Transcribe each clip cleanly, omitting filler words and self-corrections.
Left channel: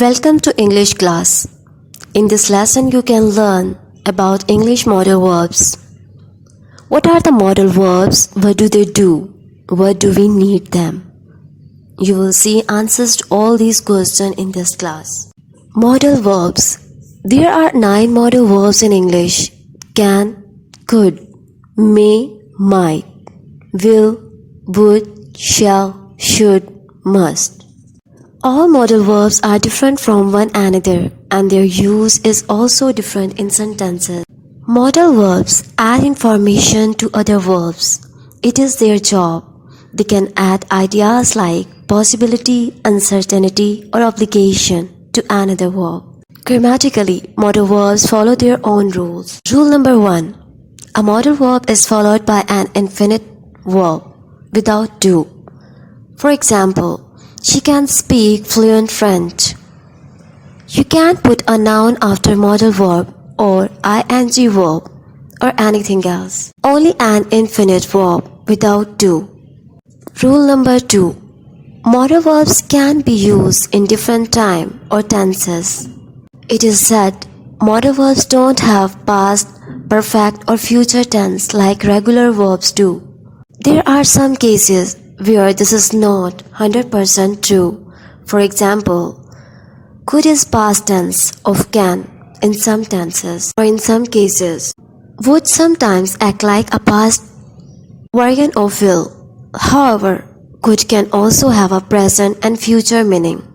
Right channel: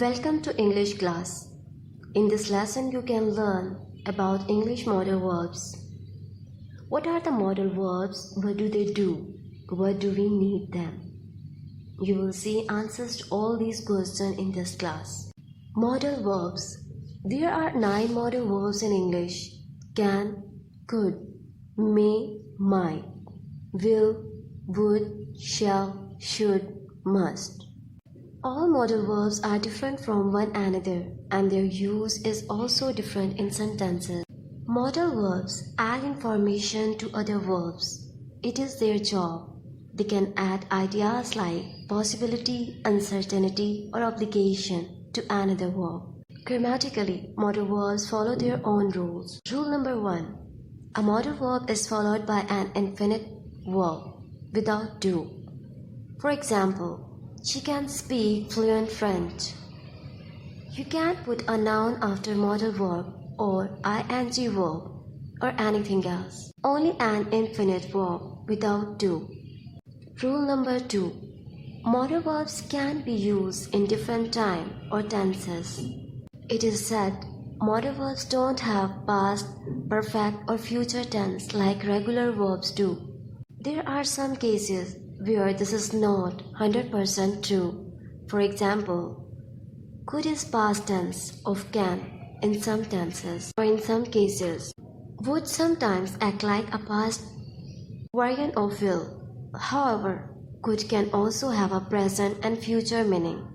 Welcome to English class. In this lesson you can learn about English modal verbs. What are the modal verbs? What do they do? What do we need them? You will see answers to all these questions in this class. Modal verbs. There are 9 modal verbs in English. Can, could, may, might, will, would, shall, should, must. All modal verbs are different from one another and their use is also different in sentences. Modal verbs add information to other verbs. It is their job. They can add ideas like possibility, uncertainty, or obligation to another verb. Grammatically, modal verbs follow their own rules. Rule number 1. A modal verb is followed by an infinite verb without do. For example, she can speak fluent French. You can't put a noun after modal verb or ing verb or anything else. Only an infinite verb without do. Rule number 2. Modal verbs can be used in different time or tenses. It is said modal verbs don't have past, perfect or future tense like regular verbs do. There are some cases where this is not 100% true. For example, could is past tense of can in some tenses, or in some cases, would sometimes act like a past variant of will. However, could can also have a present and future meaning.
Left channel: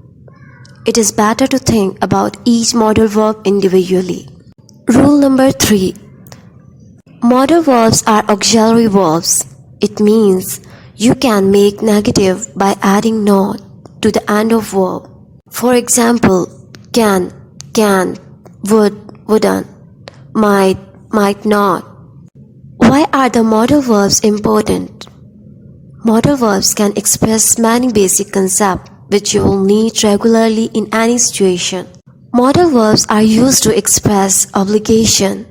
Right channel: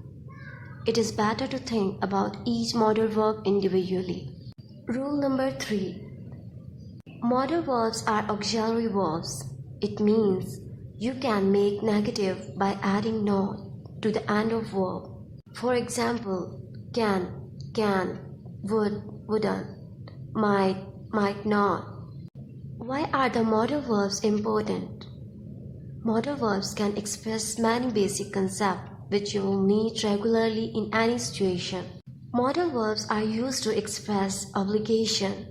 It is better to think about each modal verb individually. Rule number 3. Modal verbs are auxiliary verbs. It means you can make negative by adding not to the end of verb. For example, can, can't, would, wouldn't, might, might not. Why are the modal verbs important? Modal verbs can express many basic concepts which you will need regularly in any situation. Modal verbs are used to express obligation,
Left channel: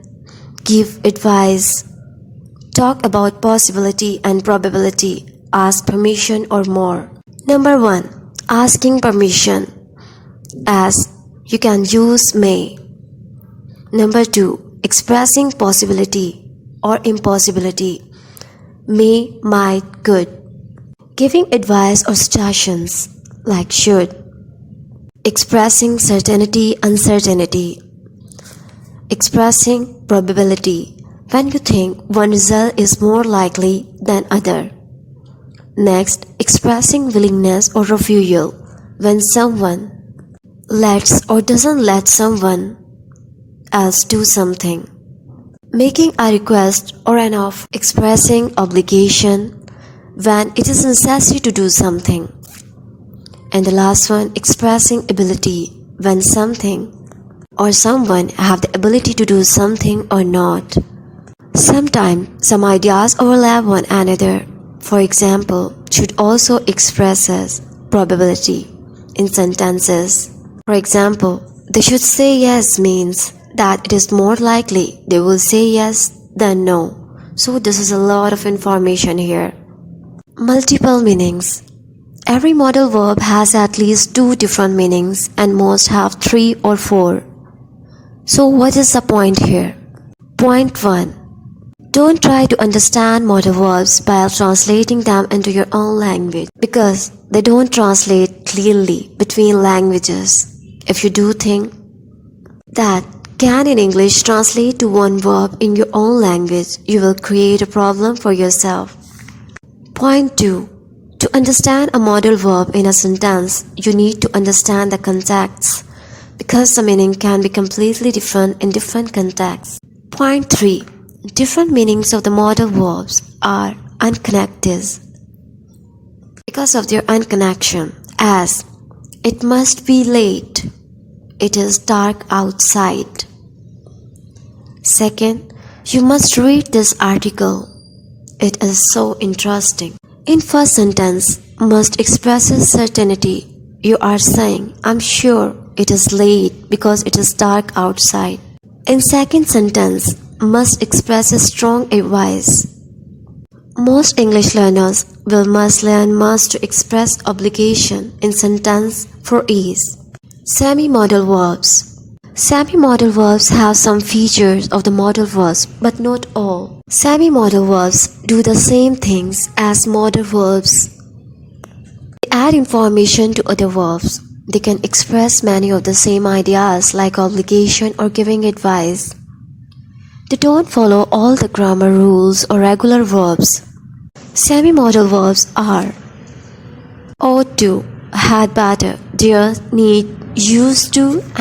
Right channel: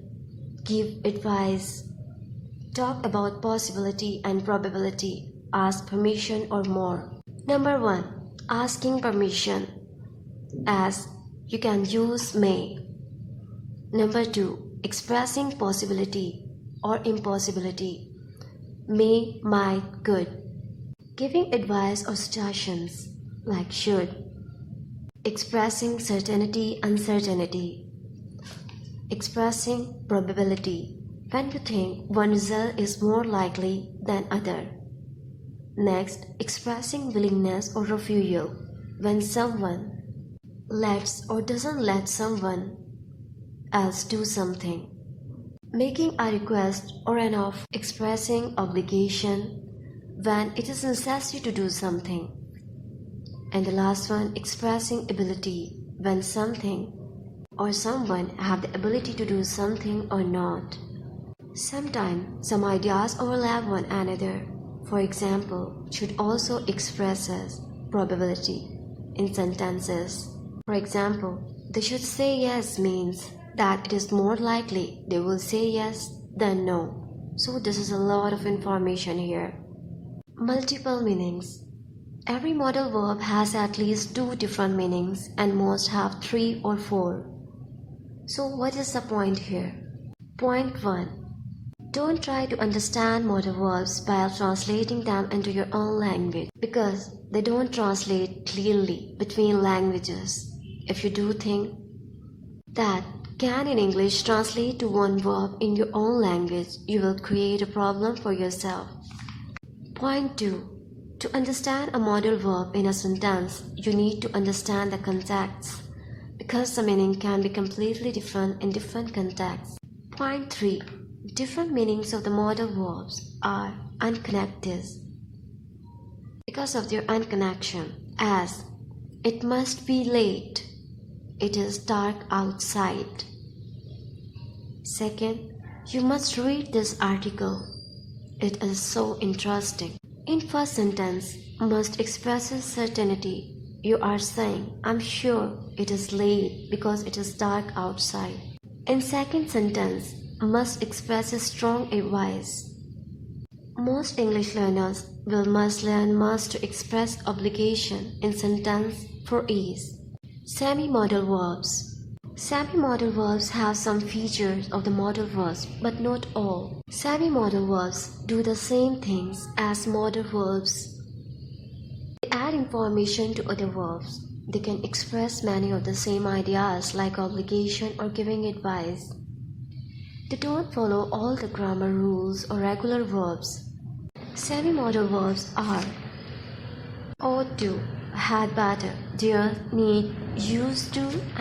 give advice, talk about possibility and probability, ask permission or more. Number 1. Asking permission. As you can use may. Number 2. Expressing possibility or impossibility. May, might, could. Giving advice or suggestions like should. Expressing certainty, uncertainty. Expressing probability when you think one result is more likely than other. Next, expressing willingness or refusal when someone lets or doesn't let someone else do something. Making a request or an offer. Expressing obligation when it is necessary to do something. And the last one, expressing ability when something or someone have the ability to do something or not. Sometimes some ideas overlap one another. For example, should also expresses probability in sentences. For example, they should say yes means that it is more likely they will say yes than no. So this is a lot of information here. Multiple meanings. Every modal verb has at least 2 different meanings and most have 3 or 4. So what is the point here? Point 1. Don't try to understand modal verbs by translating them into your own language because they don't translate clearly between languages. If you do think that can in English translate to one verb in your own language, you will create a problem for yourself. Point 2. To understand a modal verb in a sentence, you need to understand the context because the meaning can be completely different in different contexts. Point 3. Different meanings of the modal verbs are unconnected because of their unconnection, as it must be late, it is dark outside. Second, you must read this article, it is so interesting. In first sentence, must expresses certainty. You are saying, I'm sure it is late because it is dark outside. In second sentence, must expresses strong advice. Most English learners will must learn must to express obligation in sentence for ease. Semi-modal verbs. Semi-modal verbs have some features of the modal verbs, but not all. Semi-modal verbs do the same things as modal verbs. They add information to other verbs. They can express many of the same ideas like obligation or giving advice. They don't follow all the grammar rules or regular verbs. Semi-modal verbs are ought to, had better, dare, need, used to,